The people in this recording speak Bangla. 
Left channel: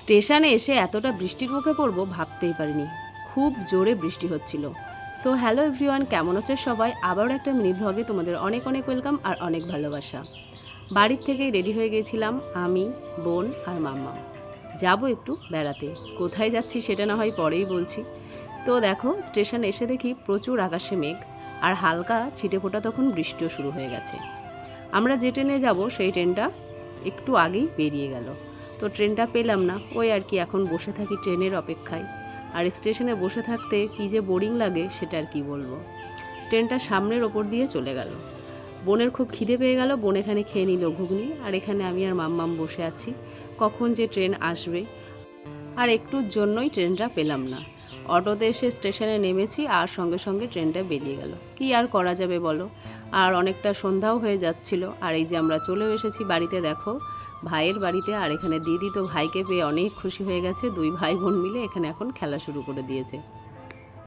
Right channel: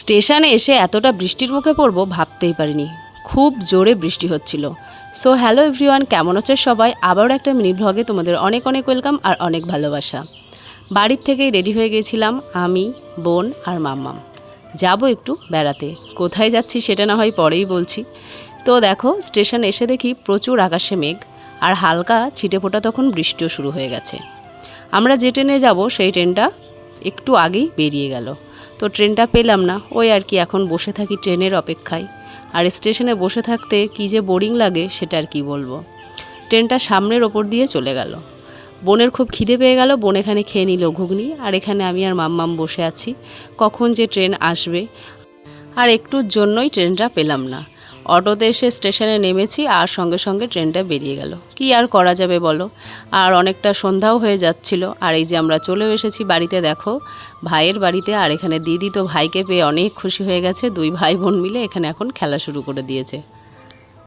স্টেশনে এসে এতটা বৃষ্টির মুখে পড়ব ভাবতেই পারিনি। খুব জোরে বৃষ্টি হচ্ছিল। সো হ্যালো এভরিওয়ান, কেমন আছো সবাই? আবারও একটা মিনি ব্লগে তোমাদের অনেক অনেক ওয়েলকাম আর অনেক ভালোবাসা। বাড়ির থেকেই রেডি হয়ে গিয়েছিলাম আমি, বোন আর মাম্মাম। যাব একটু বেড়াতে। কোথায় যাচ্ছি সেটা না হয় পরেই বলছি। তো দেখো, স্টেশন এসে দেখি প্রচুর আকাশে মেঘ আর হালকা ছিটেফোঁটা তখন বৃষ্টিও শুরু হয়ে গেছে। আমরা যে ট্রেনে যাব সেই ট্রেনটা একটু আগেই বেরিয়ে গেল। তো ট্রেনটা পেলাম না, ওই আর কি, এখন বসে থাকি ট্রেনের অপেক্ষায়। আর স্টেশনে বসে থাকতে কী যে বোরিং লাগে সেটা আর কি বলবো। ট্রেনটা সামনের ওপর দিয়ে চলে গেল। বোনের খুব খিদে পেয়ে গেল, বোন এখানে খেয়ে নিল ঘুগনি, আর এখানে আমি আর মাম্মাম বসে আছি কখন যে ট্রেন আসবে। আর একটুর জন্যই ট্রেনটা পেলাম না। অটোতে এসে স্টেশনে নেমেছি আর সঙ্গে সঙ্গে ট্রেনটা বেরিয়ে গেল। কি আর করা যাবে বলো। আর অনেকটা সন্ধ্যাও হয়ে যাচ্ছিল। আর এই যে আমরা চলেও এসেছি বাড়িতে, দেখো ভাইয়ের বাড়িতে। আর এখানে দিদি তো ভাইকে পেয়ে অনেক খুশি হয়ে গেছে। দুই ভাই বোন মিলে এখানে এখন খেলা শুরু করে দিয়েছে।